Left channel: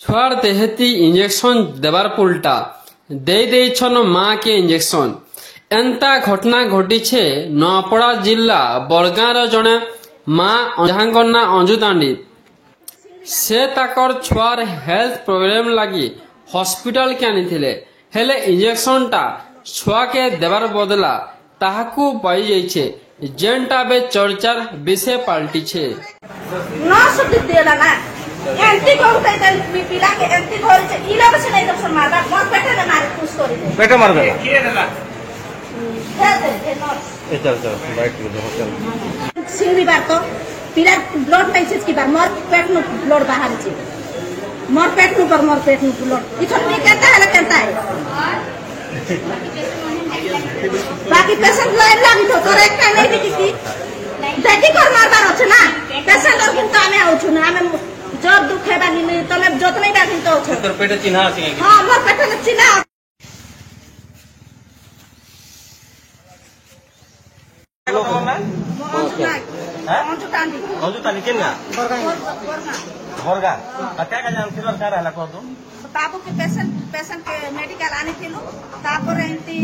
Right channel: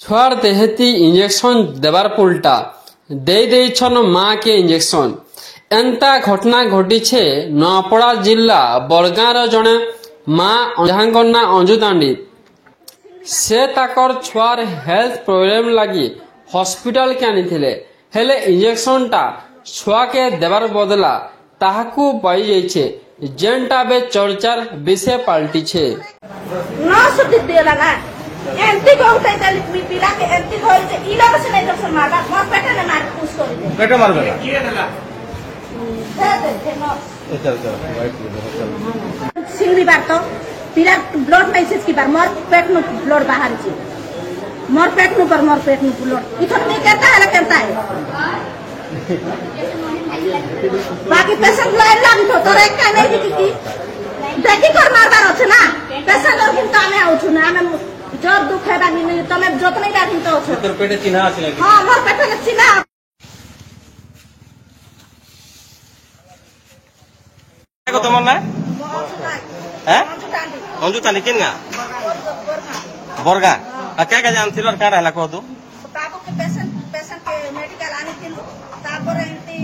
छुआर देहती injection देवार पुलटा दे देछन माँ के इंजेक्शन एंता घटना घटी छे नआपड़ा जिला बड़गाँर जड़े माँ जहां ना अंजू दांडी से ताकर छुआर हेल्थ प्रोब्लेम लगी हॉस्पिटल के आनी हेले इंजेक्शन टा छुआ के देवार बदला ताहाकू पाई जाइछे जेनटा बे चर्चार विषय पाल्टी छे एंटी को पिला के एंटी घोल से इला बस नहीं कर मारबा मोर पेटे ने मार पुश कर दे पेटे मार दे चल सिंगरी बार तो पिला ब्लड मैसेज की बार मोर पेट में ब्लड बाहर छे मोर पेट में पर मोर पेट में ब्लड इथन में कहता है बाकी पेशेंट लाइन लागी तो तोरे का नहीं दिखी देखी कर मारबार होछ ना पेशेंट लोग किन कामे आउछु ना हम जब दुख है बानी तमे जोत नहीं बाकी तो छ तोर पेटे चिन्हा अछि हां मोर पेटे में चिन्हा को तुम ना अंजू नाक हैं अंजू तांडी किन्ना बोरगा क्या जानथिलो काडा हला को तू बाबू के पेशेंट के मेडिकल आनी थिलु तापर एंटी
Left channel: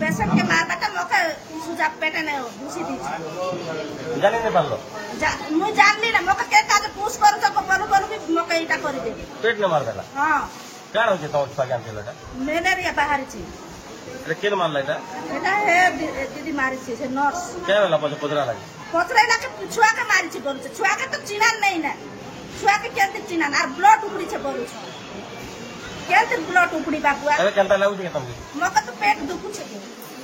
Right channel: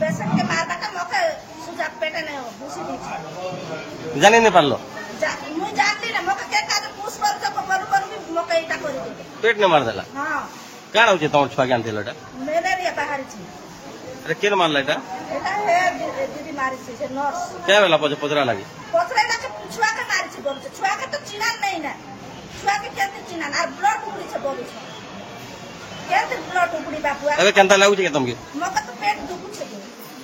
पेशेंट के मारबा का मौका सुजा पेटे ने घुसी दी जाने न पालो मु जानली ना मौका के काज पुश कर सको पलु भी मौका इटा कर दे पेट ने मार देला हां काडा होचे तम छुआ ज्ञान थिलोटा मलेरिया बाहर छी रे केन मारला एटा है दीदी मारी छी से नर्स क्या वेला पुजरा लागे के छुआ के मारी छी बोल छुआ के तो चिन्हा नहीं ना छुआ के केते चिन्हा और ब्लड उखड़ी छे बोलू छ केते ब्लड उखड़ी बाबुआ अबे केनता लागु छी के तुमके मौका तो पेट दुखु छे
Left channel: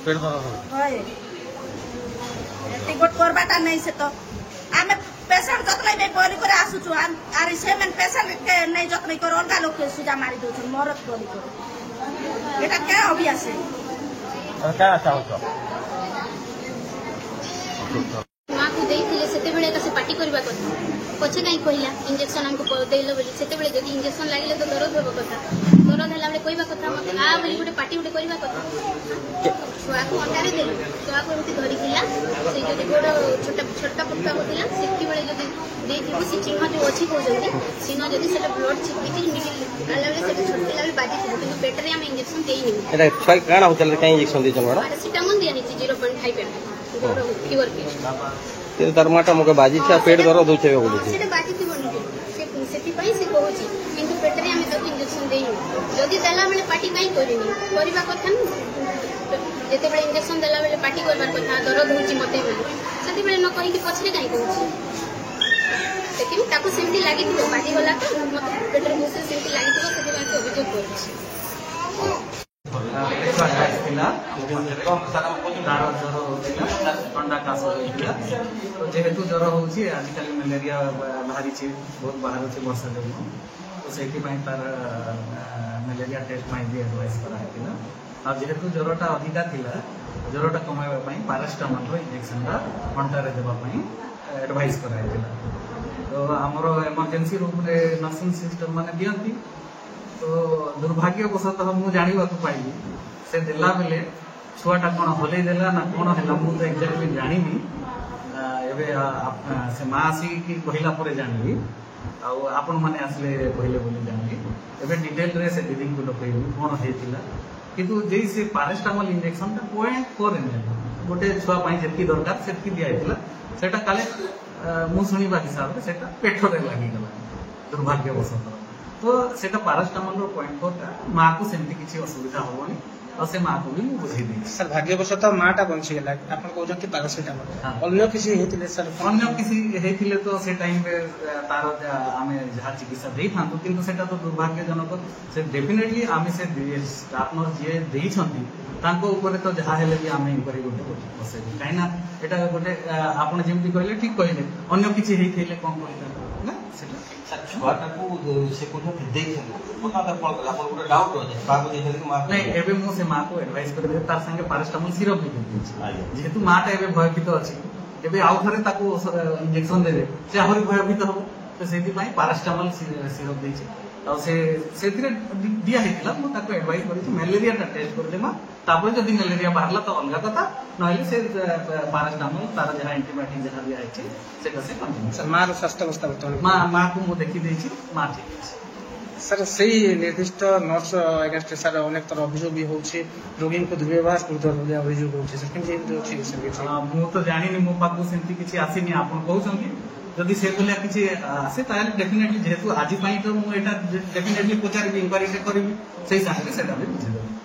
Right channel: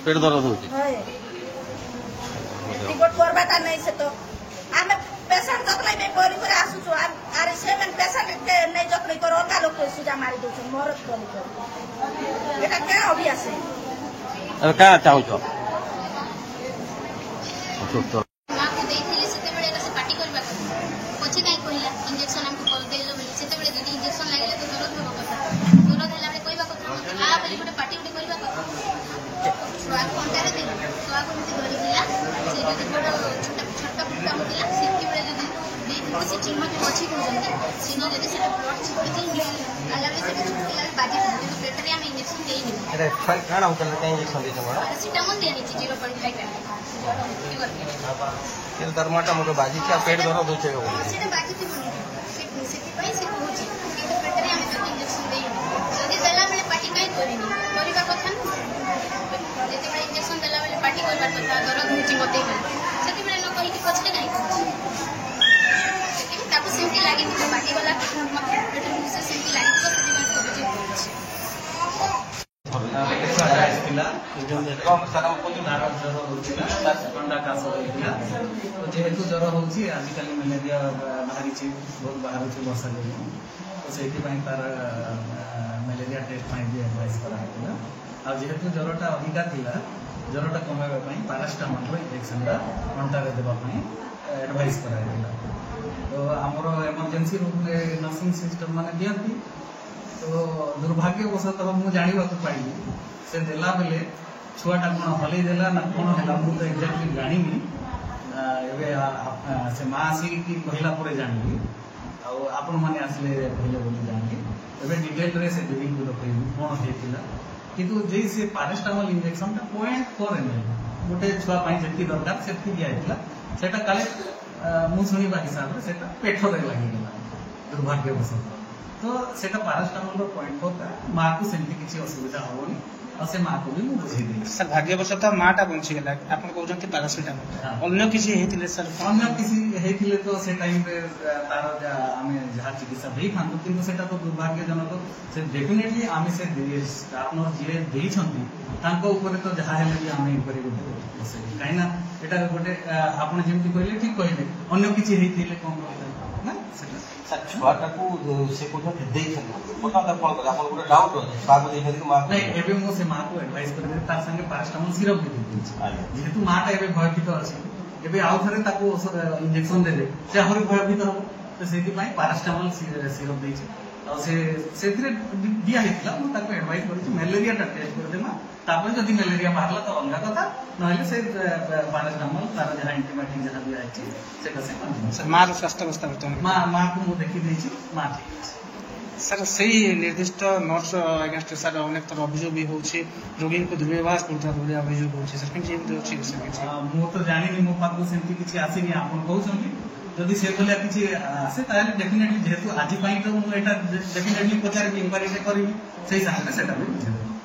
पेट दर्द हो होय एती गोट करबाटा नहीं से तो आमे पेशेंट जतनै बे बोली करे आसु छु आरे सेमेन पेशेंट के नहीं जतनै कर अलगा लोग के सुजा मारी दउ छ मरत बोली करे एटा क्या अभ्यास है अब क्या चाहू छ मां को देथिले सेते बेले का से पार्टी करबा କଥା पछे काई कहिला इंजेक्शन हमको देलो बोली सेते बेले जदी इंजेक्शन लागले तो दर्द होबो କଥା दर्द हला बेले कहबा କଥା मते आ बोली गुटे पार्टी गुटे करबा କଥା छुआ को अंडारे देलो छुआ को उठी धरि दिला से जदी गोड़ छोटा छोटा पुट्टा होतिला सिक्की बेले जदी देथि से चिन्ह जो अछि को जल्दी चिन्ह जदी सेटा ब्लड छिपि छि मिल आला बेले से छोटी लागे बाजी तो पेट रे हम इंजेक्शन देई नि एटा काय काना होतले काय इंजेक्शन दे तमे पैरासिटामोल देनी थी 0.5 पे ज्वर फीवर के तेल दरमाटा मके बाजी छ पेट दर्द होचे बोली से बाजी थी बोली सेति पई से कहूची किंतु पेट रे हम जब इंजेक्शन देई जदी देला बेले पार्टी काई करिनी करबा କଥା न जेते बेले इंजेक्शन देला बेले पार्टी करबा କଥା दर्द होची मते बोली सेति बेले न कहि कि पछले काई कहूची सेति ताको सिंटी लागि थी बाजी वाला मते पेट रे मुसे सिंटी लागि थी सेति पई अभियोग करछि तार ज्वर होता ठंडा काश होता तो जेहेतु ज्वर होची आजिकल मलेरिया बाहरी बहुत बाहर वर्षा जो तो से तार मलेरिया टेस्ट भी एडवाइस कराइला आ जेहेतु ज्वरटा अधिका थिला ज्वरटा कमाइबा पैरासिटामोल इंजेक्शन घंटारे देवाई एडवाइस कराइला तो आमर इमरजेंसी रूम रे नर्सिंग सिस्टम माने दियंती तो दुर्भाग्यवशतः मुझे जानवा पाइली से देला बेले छुआटा कौन हल देला ना कौन है मुझे एक्जाक्टली जानी से माँ आसिक कहला जानी आपण मैंने आसले कहले बोली जानी एवं डिटेल रे से दीदी को डकैली कौन होता किंतु जे से पैरासिटामोल इंजेक्शन 0.4 ml गोटे छुआ जी दरकार से दिखाई से काले मु शुणा हिसाब से पेटरे लगिगला दुर्भाग्यवशतः तो सेटा पैरासिटामोल 0.4 माँ को सेमती किसी असुविधा होनी और से माँ को भी मु बुझे दी सर भाग्यवशतः माटा बंची गला आपन कहउछन कि पैरासिटामोल अन्य किसी हेतिले सर अन्य किसी हेतिले तो से टाइम पे तार आमे जहा चिकित्सा देई थांतो किंतु सेटा तो दुर्भाग्यजनक से डेफिनेटली आमे से स्टाफ नर्स जे देई छंती तांको ऊपर तो जहा हेले भी आमे इंक्वायरी गोटे बसे काइना एटा गोटे आपण जेमती कहले ठीक कहले अन्य किसी हेतिले कोन करले ना सेटा छुआटा को से को देई छले पता तर कोन गला पर डाउट हो जाय बाबू देई कि मां नहीं एबे मो से मां को एडवाइस कर दे तार संगे पैरासिटामोल सिरप भी दे जेहेतु माटा एबे भयभीत अछि एबे आउ थरे ताको इंजेक्शन देले से हरि भयभीत हो तो सेति पई पैरासिटामोल सिरप देई दिया एडवाइस कर मेलेरिया टेस्ट करदेमा तापर जदि मेलेरिया बाहरला तो अलग कथा नहले से पैरासिटामोल तार जहाँ एंटीबायोटिक जहाँ दिया है से कंटिन्यू सर मार स्वास्थ्य अवस्था बर्तमान माँ को मुझे देखी देछि माँ ठीक अछि सर से निर्दिष्ट नर्स अगेंस्ट सर अनेक तरह अभियोग भी होछि रोगी को दुर्व्यवहार करथवा बोली अभियोग होछि सर केमि एमति होछि सर किछि मु तो जानिनी मो पाखु सेमति किछि आसीनी आपण कहउछंती जदि से बोलिया किछि आसे ताले डेफिनेटली जेहेतु आज पई तो मु एटा डेफिनेटली पचारि इंक्वायरी करबी सेही साथे सेटा भी बुझेदेबी